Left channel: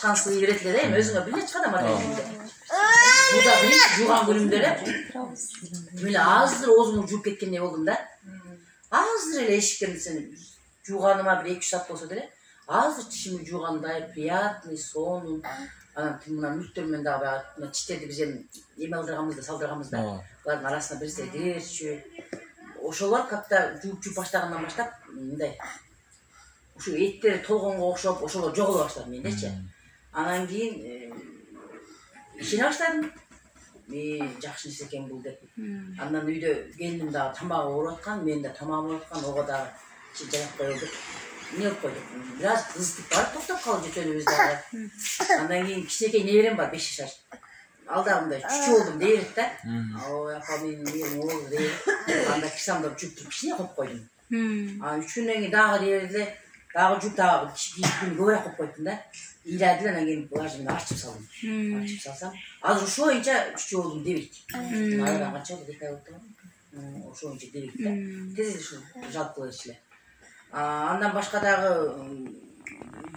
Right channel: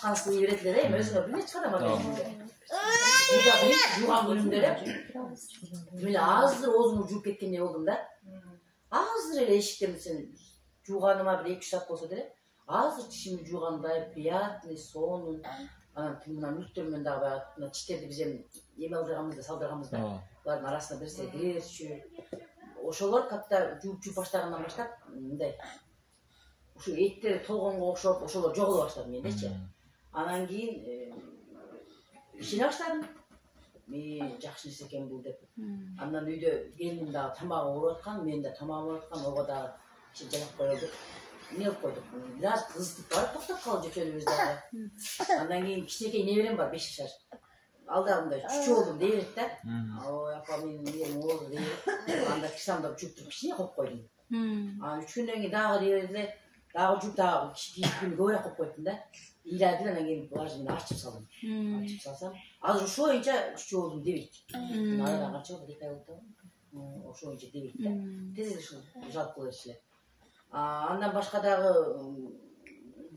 чыккан сыйы берет эле да, эми өзүңө биле чыгат ама дегенде. Буда биринчи жууган күнүмдө эле мен азыр оозумду жууп кеткендей болдум да. Азыр эле эшиктен сен жууганыма бир 2-3 саат болсо деле, азыр тишимди жуугандай приятный сон. Анан мына мүлктөр менен дагы мына читтерди биз эме алдырганбыз да, салдырганбыз да. Булардын арасына бирсе кирерчү. Ошолор как-то жууп баштагандан баштап мындай ошо эттери толгонго окшоп ошолор жоголо баштады мендечи. Анан кийин ишене баштадым. Жакшы нерсе экен бул деп. Андан үйдө келиним дагы тамагы ооруп аткан, мен да тамагым ооруп аткан, ого дагы жаап коелдук. Не кылып койдук. Бир аз кызытып барып токтоп калып жөтөлүбүз дагы. Андан кийин кичинекей неберем бар 5 жашар. Алдагында чүчү болдум дейбит да. Ой, апа менин оор дейт. Анда кисамда жууп туруп кичине коюп койдум. Анан 3 күндөн кийин дагы дейбиде, дагы жууп дагы кичине көбүрөөк коюп койдум да. Ыйлады анан кийин булажымды ачып салдым. Ачып салсам, азыр ошо боюнча чүчү болдум дебейт. Мына канча болду, 2 ай болду. Ошо боюнча дебейт да. Тез эле ушул жалп кыла берчү эле. Андан башка дагы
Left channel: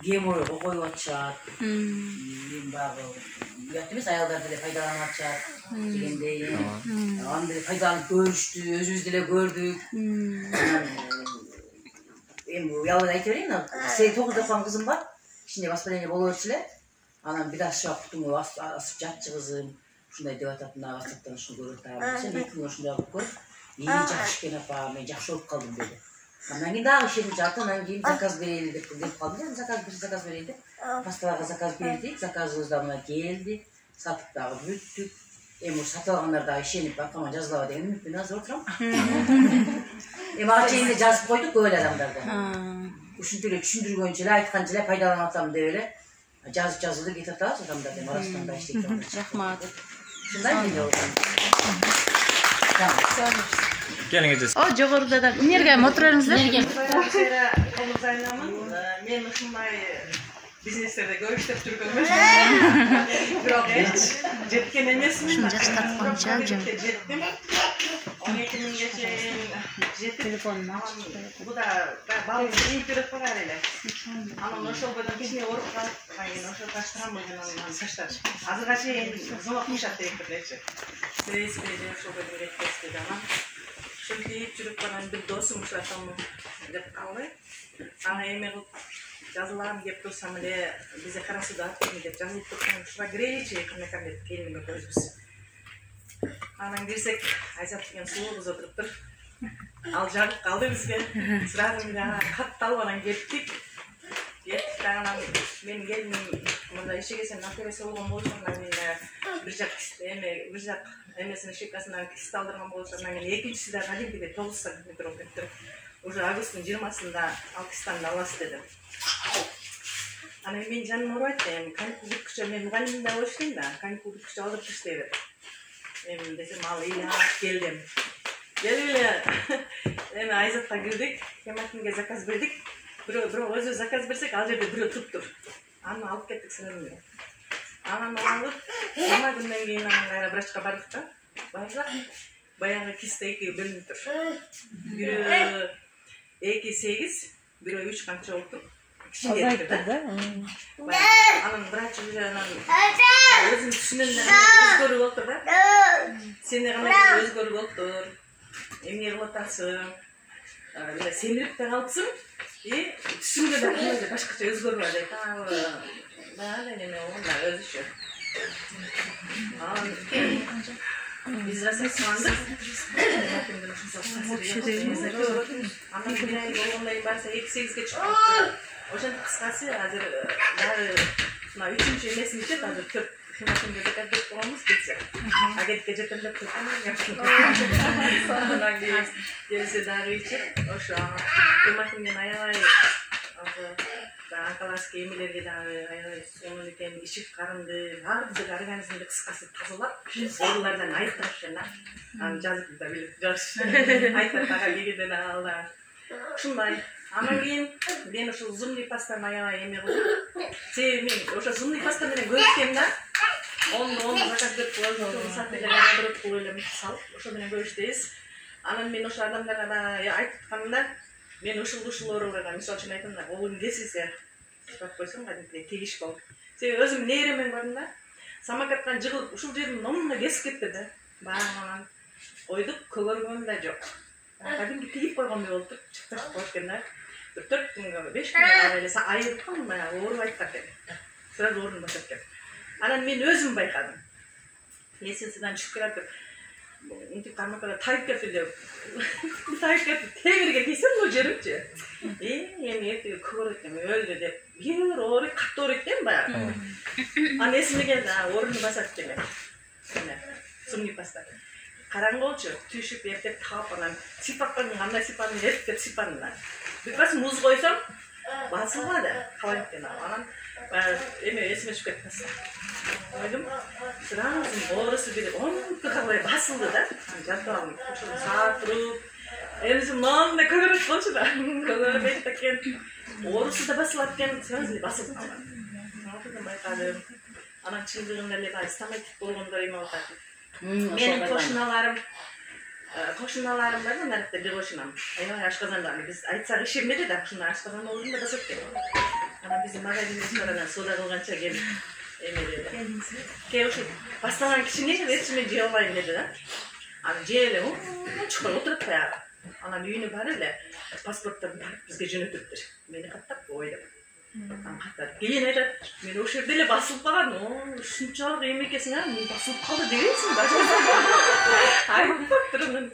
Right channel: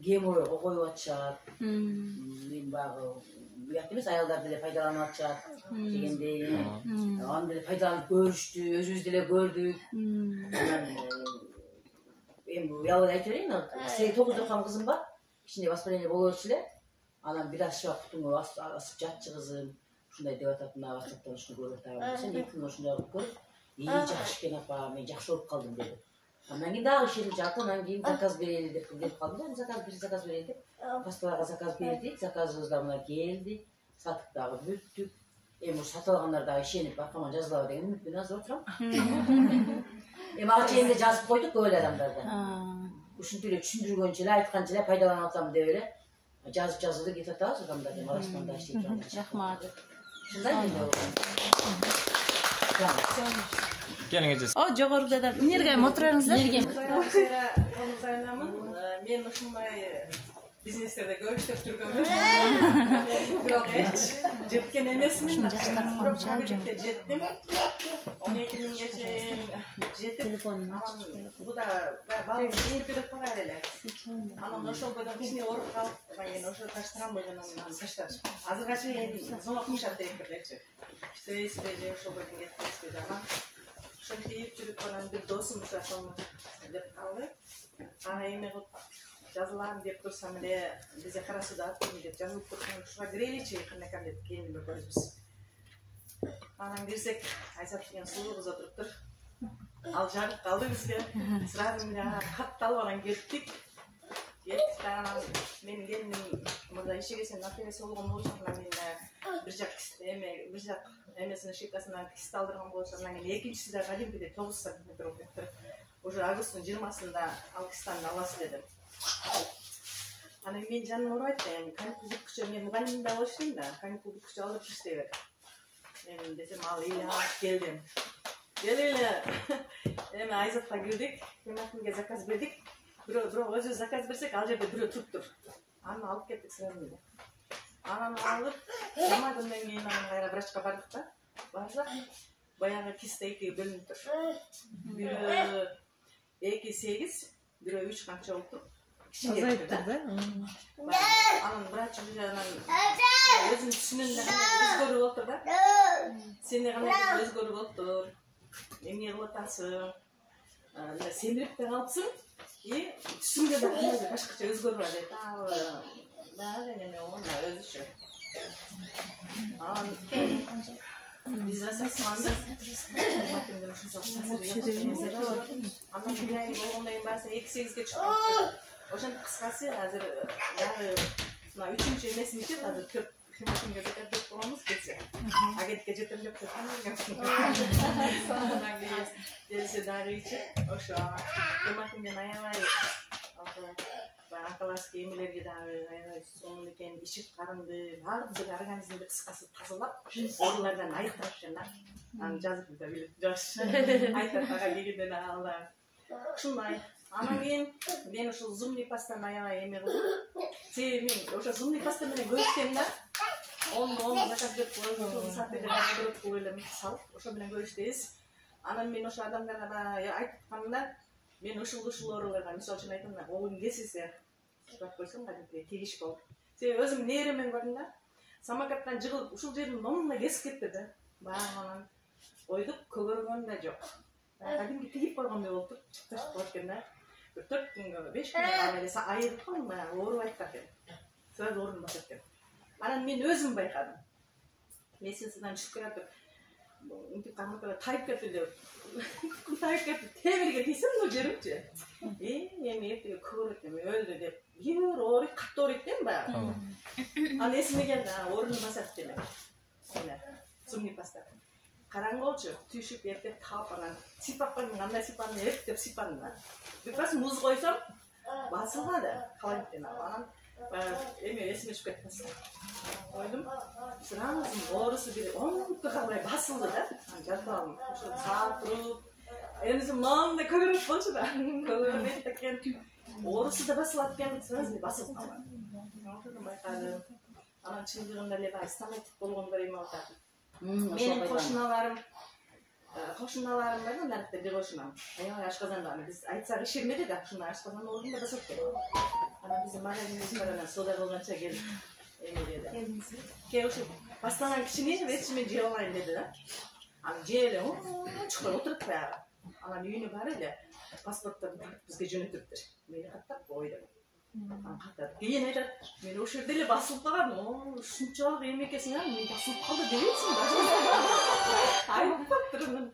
гемор коюп атышат. Мен багы уят эмес, аялдар деле пайдаланып атышат дегендей. Андай пайдаланып көрүштү, өзүбүз деле көрдүк. Анан эми уялып айтып берейин, 8-9 жашар кызым бар. Кичине воспаление боло берчү эле. Анан бир аз шактын асып жатчы кызым. Ушундай деп атат, мына WhatsApp'тан ушуну көрүп атам. Сен 2 күн ушундай кылып көрүп, жакшы экен апа, мен жакшы болуп калдым деди. Анан кийин дагы ишенип жатты, анан кийин заказ берели деп калдым. Заказ берели деп. Пасталарга заказ бердик, заказыбыз да мына келди. Сатып дагы бүттүк. Эми ушу сатып алгандар дагы ишенип аркама жазылабы деген үмүтпен азыр отурам. Эми ага чейин жазып койдук көп эле адамдарга. Ушинтип эле түшүндүргөнчө эле, айтканча эле пайдаланып атам деп эле жазып эле кетип атабыз адамдар деп арасында иштейт. Рахмат. Ушундай менде болду. Келиңиз. О, жогоруда да эмнерге отуруңуздар? Мен ушундай бизнестерде көп иштеп жүргөнмүн. Бирок жеткен эмесмин. Жеттим. 12 миңге чейин жетип буда баары бирик барар эле. Анан ошол бойдон кичине ооруп калып, кийин ошол таштырам деген анан таштап. Азырга чейин зомок мышат директорлечи. Сиздерде ошол бойдон кетпес деди анан. Ошентип жүрүп анан бир досум ушул деп калды. Аны эме кылып жазылам деп турсам эле бизде карасуда атпайм деп жазылып турсам ушуга киреличи кандай деп келиниме көрүбүз. Анан кирсек, Айзат деген сулуу кыз отуруптур. Ал жагып калды бизге. Сразу менен катты алып анан кеттик. Анан менин келиним мындай ишиге сен операция болгон болчуң, анан бир жак эмесинин шипкасынан кист алдырган болчуң, анан экинчиси да кадимкидей 9 сантиметр болуп кетти. Уже августтун 20-сында ал кистаны аласыз деди. Анан мен жаным ооруп айтты, каникул бүткүчө мен мугалимдин да иштейм да, каникул бүткүчө алдырып иштей бер. Эми десем ал ыйлап келдим. Келип эле эми Айзатка кирдик, Кемакинге заказ бердик. Бирок өзү заказ берсек, ал жерде бирөө туруптур. Аны алып кеттик сразу. Анан алып, 20 күндөн кийин анан кайра врачка бардык да. Барсак, баягы киста 2 бөлүнүп тур. Бирөө 2,8, бирөө 3 канча болуптур. Кичинекtir да. Анан врач уже анан өзүм түшүнөм өзгөрүп отур да. Сен кандай өзгөрүп отур. Эмне кылып атасың? Сенирип да калыпсың. Түшүнгөн адамдар башкача өзгөрүп атат. Баары неме онда өзүчө. Biz rasatlandık. Anam bir ay olmayı varsa 8'e çıkıp oşan kıskası hazır daha 3. emesini için hazır 4 Himakim gözü kadar kullanmış geçse. Aget gecelerinde tutulmuş yaptım. Ondan gerisi daha için oşa Himakim'den ayağı Ankalas gemilerge ayağı sonun iken işik karındı, var bizi organizmde kıskası tazılap, oralardan ayıktırışlar. Жазып да билет, жаш. Айтат ага келгенден алда. Ушундай. Анан кийин мен ошо зумный паста аябай эме кылдым. Себеби мен ошо зумный паста менен көрүшкөм да. Оны заказ берип коюп, сатылып алдырып коюлам салып, ошо менен көрүштүбүз. Анан мен ошо адамдарга да айтканымда мен ушул ооруларга мисалы үчүн айтам да, оолум кесилсе, сыпап койсоң кадимки тегиш болуп. Sen özüm neremen gördüm da. Samakattan jığılıp uşul жердин номуна kesip кетти да. Баягынан койдук, көгөргөн да жок. Кадимки тигип койгондой болуп чыктырып коюп экен да. 4 күнгө 5 күнгө эле айып калдым баягы ооруп айттак экен. Сразу орун басат экен. Анан мен өзүм байкадым. Лестницадан түшүп келатып, интип тамакка тайып кетти деп. Тайып кетти, темирге тийсем бул жеримчи. Эми эртеге көгөрөтөм өлдү деп. Бир ооруп, катты ооруйт дейм баягы. Анан эсиме келди, орун басат деме. Мына, сумнип бастады. Караңгы болчу, түшүп эртеп таап анан сипаккан кандай сипаны эртеп сипандым. Бирpas муз койсом, басылбады. Калай экен анан эме эсиме түшүп кетти. Ойдум, сразу оорусу бир 10 калай басылды да. Жатам, ошо саат туруп, эмисим мындай көгөрөт болчу да. Көгөрөт экен. Оорусу да басылат экен, сразу басылды. Ошондон байкадым. Анан чындыгында эле бай стаматит болгондор эме болот. Менин кошуналарым бар, нарыкта бир кошунам. Аябай ашказанда биз айтсак ишенбеди да, ушундай ашказан ордунда басат экен. Анан биздин магазин ресторанда соода кылганча келип эме деди. Ке ушу баштаган кичине эчимен жей алайын деди да. Аны жей эле чукур отуруп баягы. Анан үйүнө барып эле паспортторун тартып бизге жөнөтүптүр. Мени каттап койду. Анан каттап кийин айтат, мен ошол жерде эле басылып калган. Ушунчалык эме экесиң, мен басылып калды дебейсиң да. Айтпаптыр анан.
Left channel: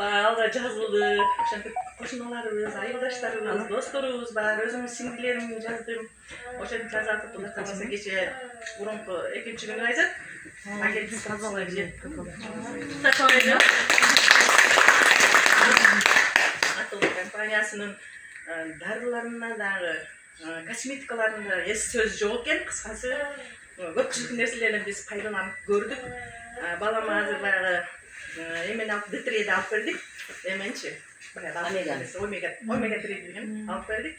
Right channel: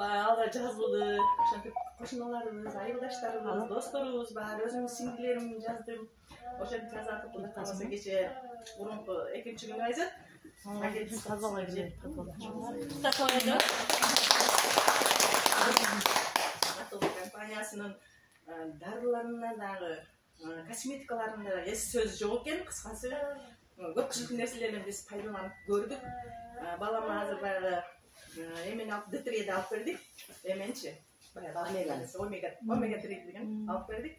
Алга жазылды. Ошентип кошуналарыбыз, айылдаштарыбыз, досторубуз бар, өзүмдүн сиңдилеримди жаздым. Ошентип жазатып, Кудай кааласа кече мурунку 2-күнү айзат. Агенттик тазалай жеп. Такойду. Атыл компаниясынын дарыларына дагы косметикаларында эс сөз жок экен, кыскасы. Көпчүлүк нерселерден биз пайдаланып көрдүк. Балама азыр баягы эмени алып D3'ди алып бердик. Эменчи? Омега 3 деген алып бердик.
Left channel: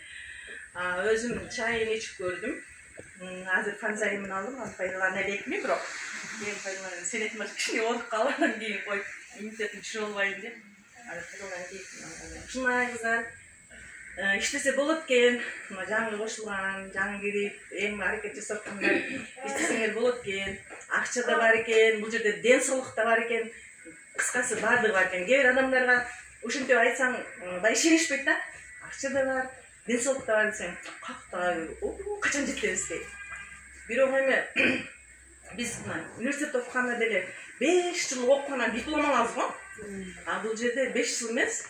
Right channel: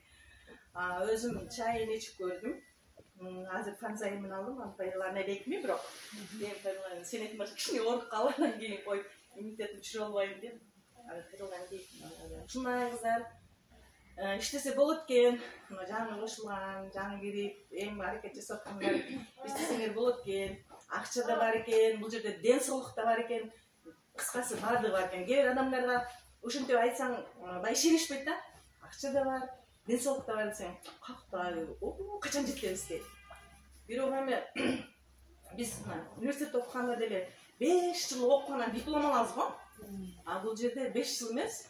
Өзүм чайын ичип көрдүм. Азыр фанзайымын алдым, аны пайдалана элекми, бирок мен пайдаланам. Сенетим кичине ооруп калып, анан кийин коюп, иммунитетим түшүрө албайм деп. Ушундай кыздар иштесе болот экен. Жаңы кошулган, жаңы кирип, эми аракет жасап аткандар иштесеңер болот экен. Акча да бар экен, бул жерде ден соолук да бар экен. Кыскасы бардыгы бар экен. Кээ бир адамдарга ушинтип айтсаң, да ишенишпейт да. Акча да бар, ден соолук да бар десең, какта, качан жетебиз дейт. Бирок эми биз университетте окуганда деле 5 жыл окугандан диплом алабыз го. Бул жерде 5 жыл эмес.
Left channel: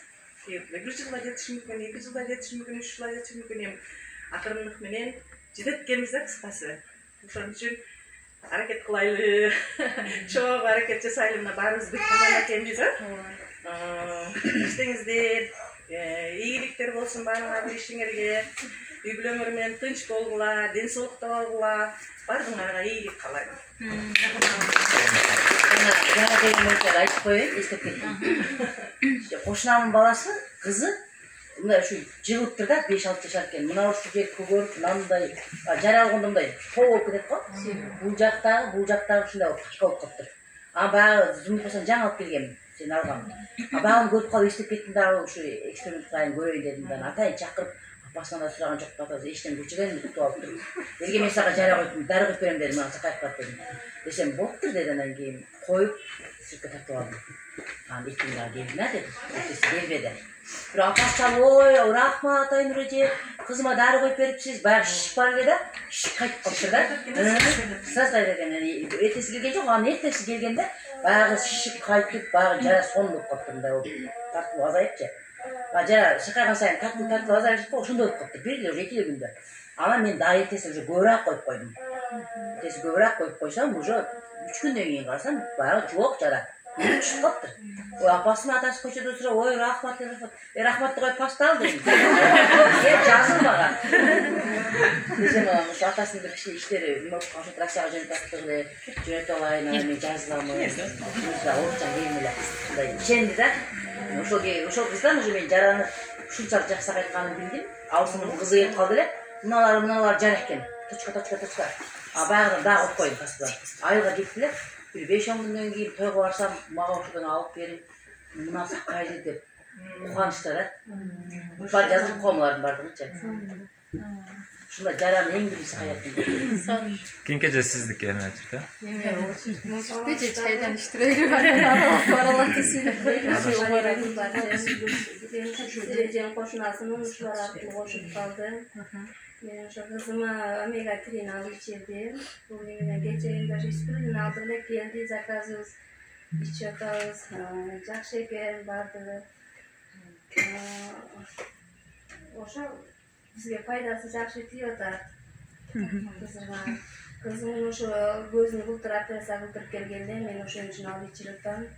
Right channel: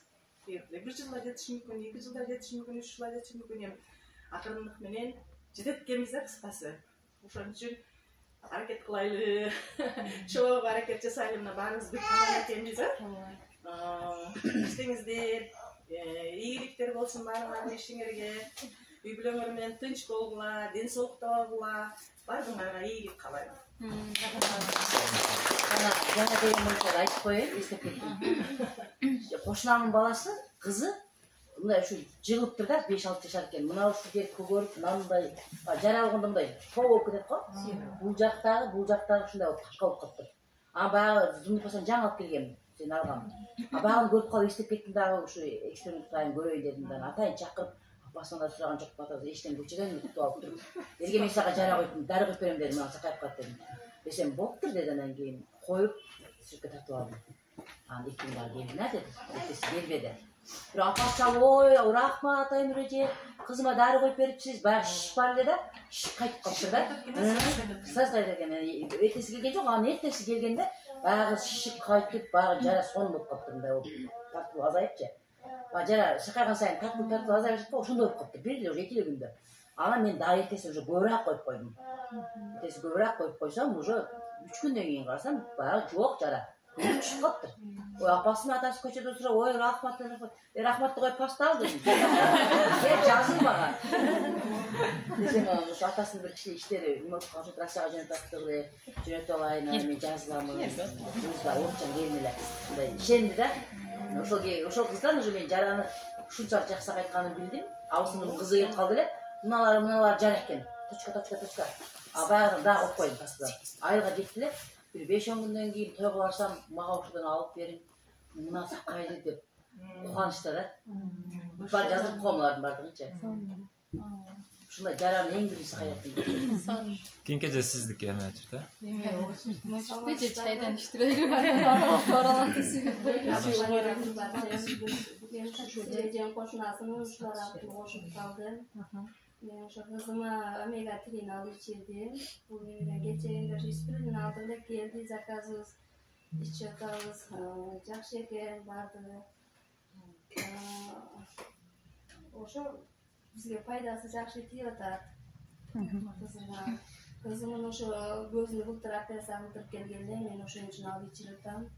1 жылда жетиши мүмкүн, 2 жылда жетиши мүмкүн, 3 жылда жетиши мүмкүн. Эми акырындык менен жетет экенбиз да, кыскасы. Ошон үчүн аракет кылайлы. Чоң аракет жасайлы. Мына баарыбыз бүт команда экенбиз, иштеңиздер, ийгиликтер болсун баарыңар иштиңерге. Үй бүлөңөр менен тынч болгула, ден соолукта болгула, баарыңарга ийгилик каалайм. Жаңа деген нерселерди айтып коеюн, эстеп кеттим. Кошунамдын баласы, кызы мына ушу жыгылыптыр да, 5-6 жашар экен. Мына ушу жер көгөрүп, мындай жаралганда мындай тоо болуп кетет го. Бул жактагы ушундай болуп качка болуп калыптыр. Баягы зумбусан жаңы алып келгем, сен алгам. Баягы көрүп калып эстеп кеттим дагы, ушу эксперимент кылайын көрөйүн дедим да. Атайын чакырып, апасынан да сураган жок, атасы эчтен билчүгөн кутуп алыптыр. Элге мен сага жара коюп, дары коюп берем дедим, аны сакайып калат дедим. Десем болуптур деди, анан кийин коюп сүркө тартып алдым. Анан экин дагы келдиңер деди. Экеси келбеди. Бирок апасы чалып, ой, рахмат Айнур эже, кызыма дары коюп берипсиз, баягы шишип бар эле да, шишип кайтып калыптыр да. Сразу айта экен, эртеси келген жок, анан эртеси келгенде баягы шишип кайтып, баягы жара сон болуп калыптыр, мындай болуп, тартып азайыпчы. Жара сакайган сайын тартып азайып, ошондой болуп калыптыр, бир эле 2 күндө. Анан мен дагы эртеси уже көбүрөөк коюп койдум. Эртеси көбүрөөк коюп койсом, уже 3 күндөн кийин карасам, баягы жок жара. Түшүп калыптыр. Ой, апасына атасы көчөдө сурап, ой, рахмат, рахматты коюп паста ал дедим. Жазылмаган. Десем, ошо атасынын бир кичине иштери, ошо Россияга жөнөтө алайын, мен жазылам. Орусча келмеле. Мындай ишенди да. Ошол кыздан уже мен жараны ушунчалык жакшы айтканын билдим. Абысынын кызы келип калды эле. Мыналар жара экен. Точка. Баягыдан дагы коюп коюйм паста. Айылга кеттилер. Bir 5-10 günden kийин тойго барсам, мага ошодон алып берип, мына сакайлы деп кубанычта да. Бар жазып коомлардын бардыгычы. Şuna yaran en birisi hayatım. Kimkece sizlik yani açıkta. Peki çaydan iştirelim. Aralatısıyla. Süreceğim koşunasının uçları artık koşup kaldı. Şu kızıma omega 3'ni alıp içirdim. Bugün geceğinde riskülün altında geldi zakazız. İçiyoruz. Cak şeker vardı. Oşa bizge faydası cak şeker da kızıma. Kızımın şu gözünü buldurup presa buldurup gelgende men oşun için alıp içirdim.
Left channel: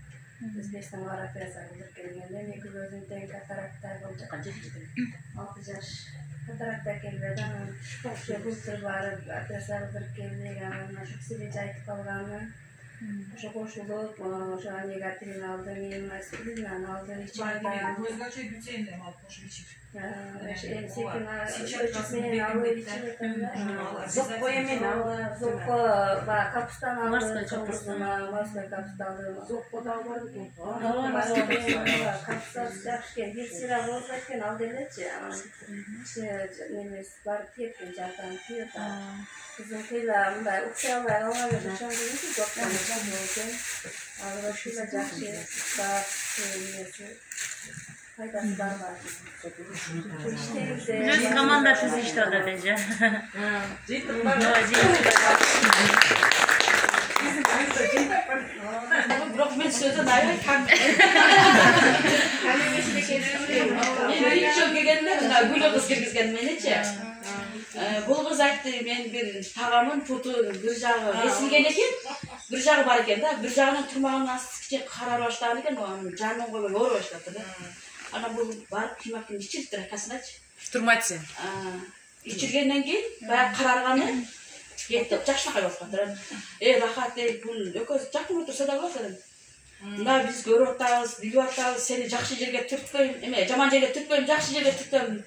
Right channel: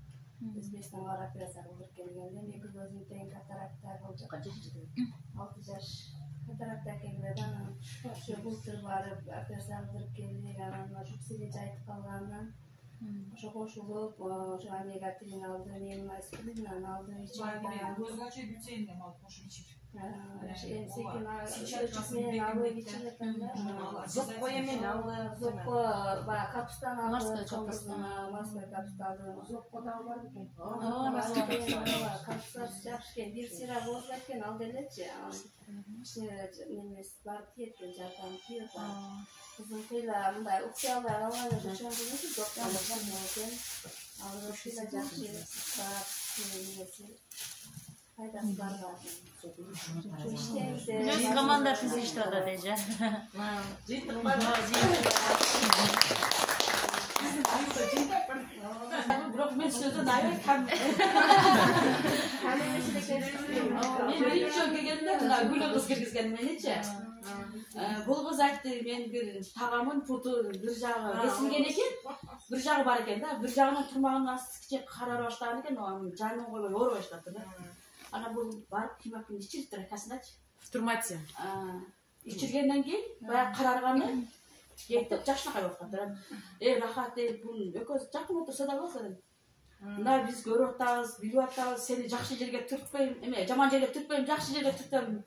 Özbekistan var presa buldurup gelgende men gözümden katarakta oldu. 6 yaş. Katarakta geldi. Şu buldurup varıp presa buldurup geldi. Yani şu silince aytıp kalganını. Şu koşulup şu omega 3'ni aldı. Benim aspirinle aldı. İçimde. Gözgaçı bütçeyle mi alıp koşup içip? Zoppo yemeğini aldı. Zoppo var. Kapustan aldı. Kapustan aldı. Zoppo da var mı? Kapustan sıcakken bir sıra bozarken aldı elçi. Neymiş var tiyatın zaten tiyata. Kızım kıyla bunda uksayalar alalım. Çünkü nasıl zoplanacak oldu. Ağır şuyla cakşı. Daha söyleyesi. Faydası var. Biz komanda sizi işte orada bence. Bırak ben sözden ayrı kan. Hiç çok geldiler. Gülü kız girgizgen beni hiç. Bu kız aytdı men bir tağamın putu bir jağı esilgen eken, bir jağı bar eken da, bir jağının turmağından kiçe karar başladı eken, o canın koyup yoğur başladı da. Ana bu barıp kıymakın içirip rakasına aç. Turmatsi. İçirgenden keyin bayağı kararganı yetip jaşına kayıp kaldı. Rahat değil bunu ököz jakın otursa da olsun. Buna biz görüp atабыз, bilip atабыз, seni jakşı жерге түрtпөйм, эме жаман жерге түртпөйм, жакшы жерге түртөм.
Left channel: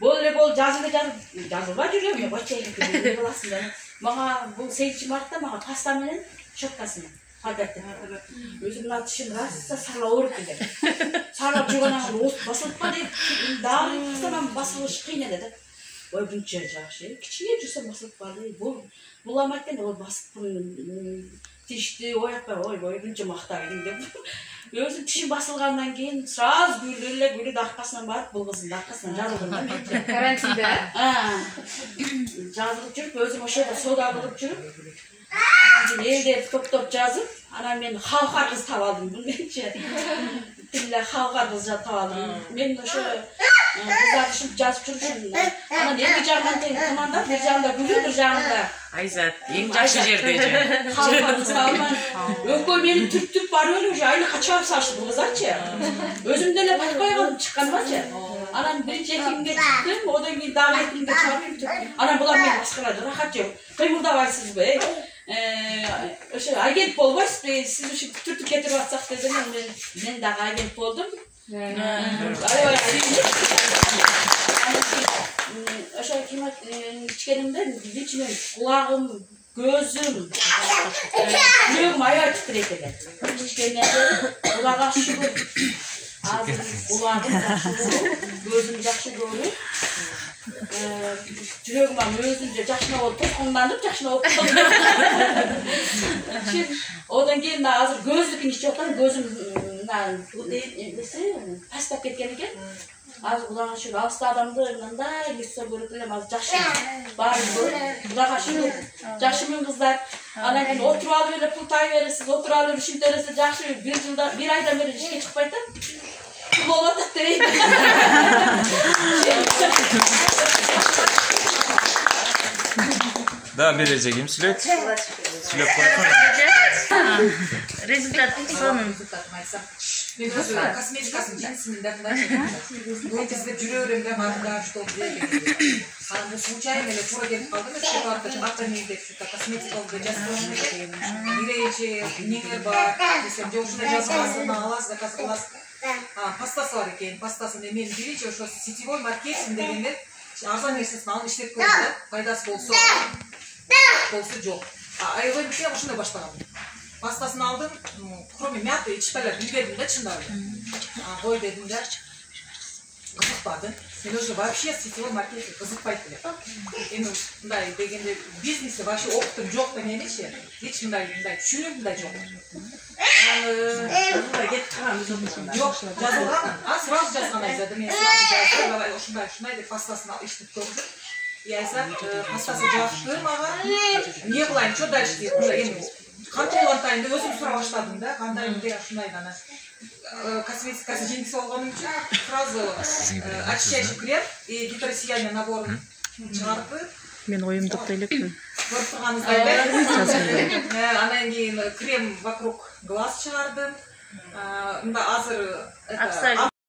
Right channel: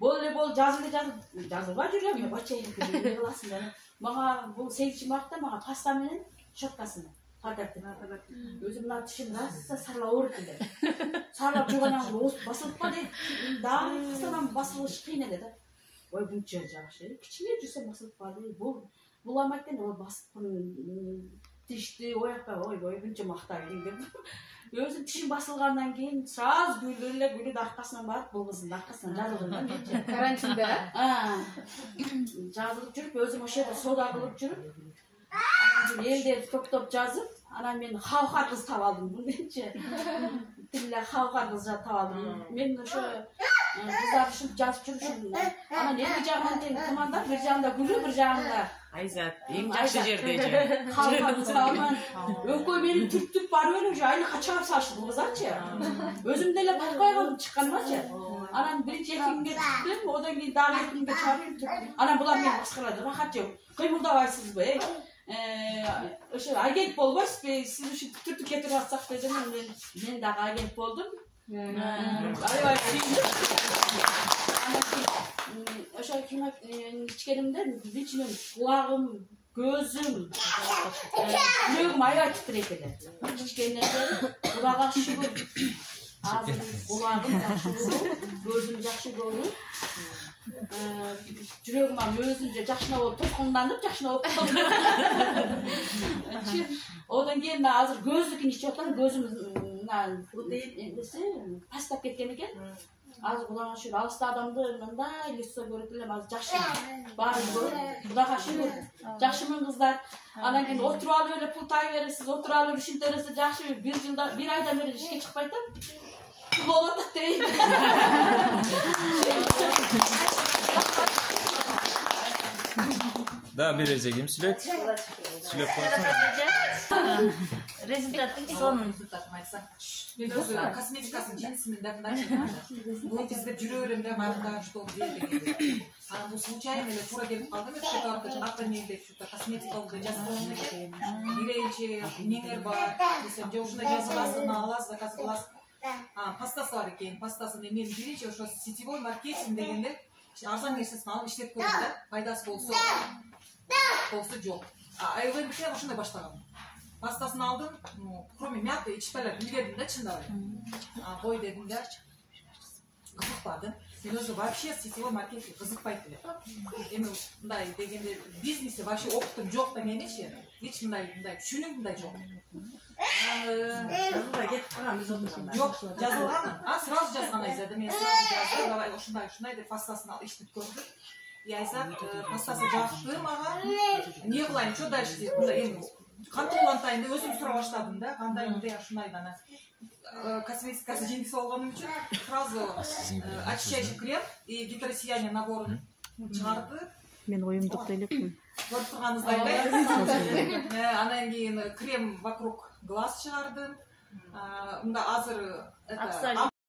Бол жазылбай жүргөн мен бачайын баласында. Мага бул 8 мартта мага паста менен щеткасын калдырды. Өзүмдүн атышым раса сарла ооруп келди. Сарлап жүргөн ан басылып калды. Дагы кыстан басылыш кыйын эле да. Ой buncha жакшы. Кичине жүрсөм басылып калды. Бул амайт ол басып тишти, оякпай, ой buncha макта келдим деп. Өзүм тишим басылгандан кийин сразу гүлдү аркасынан барып, бул кыздын аркасынан жазылдым да мен. Карантинде. Жазылып жүрүп, өзүм ошо жерде сода кылып жүрүп, элдерди топтоп жазып, анан мен халкар кыз таап алдым. Булчу тиле халкар кыз таап алдым. Мен ошо кыздар ушинтип жазып жүрүшүм. Анан эки жагынан тең команда, бир жагында Гүлү, бир жагында Айзат, эң жакшы жерде же. халкар кыз таабын. Өкөө мени түртүп барып эле уже айлыкка чыгып салышты бул кызарчы. Өзүм деле байкабай калдым чыкканымачы. Анан биринчи экимге чыктым, одан кийин дагы экимге чыгып, анан булар мени маскаралады. Рахат жок. Кыймылдабайсызбы? Ошо агент болбойсузбу? Сиз ушу түртүп кетирип атсак дедим, мен дагы агент болдум. Аябай ошо кимат ичкенимден ичинен кулагым, көзүм, жүрөгүм аябай титирейт эле. Ичкенден кулагга шүгүр. Азыр кулагым жакшы болуп, көзүм жакшы көрүп, жүрөгүм өзүнчө жакшына болуп, тоскунданып жакшына болуп калды. Одан кийин азыр көздүкүн ичип аткан, көзүм пастап кеткен экен. Азыр Кудайга шүгүр, алыста адамды мындай лицо көрүп элем, азыр жакшы баарын көрүп, Кудайга шүгүр. Жакшымын кыздар. Анан кийин отуруп алып эле пул тай бересиз, отуруп алып ушинте бересиз, жакшы бир айдан бери ишке чыкпайт да. Болуп атат дейт. Да, бережегим сүйлөйт. Сүйлөп койсоң. Результат сонун. Косметикасын жинсимин деп айтып жүрө беремге манда что деген. Аны случайно эле туура келип калдым, шоколадка атамын деп косметикалык жазып койгон. Биринчи неңер бар, десем, жошуна жазгансына аласыз, заказ кыласыз. Пастасы бар экен, пастасын мен биринчи ошо сетевой маркетинг дегенде арзан нерсесин алып иштеп көрдүм да, пайдасы болсо жок. Аябай бирке ошондой баштагам. Пастасын алдым, кроме мяты ичпелер билбедим да чындап. Кой дедим да. қызықпады. Мен уже вообще сетевой маркетинг қызықпайды деп. Енді мындай дегенде бизнесі вообще опытым жоқ та немесе, еш мындай түсінігім де жоқ. Жоқ, жазылған, сразу жазған айтады. Мен сразу жазды, давай ушындай деп пастасын іштіп көрдім. И айтсам, пастасы жапты маған. Не қылайын, что дальше дейді. Қандай олантайымды өзім сұрақ баштадым да, қандайымды ушындай дана. Косметикасы жеңіс болғаным үшін сразу очищающий крем и гидросияние наборын шығарды. Мен ойымды қойыппын. Көріп тұрғаныңыздай анан кейін крем вокруг глаз шығардым. Мында азыр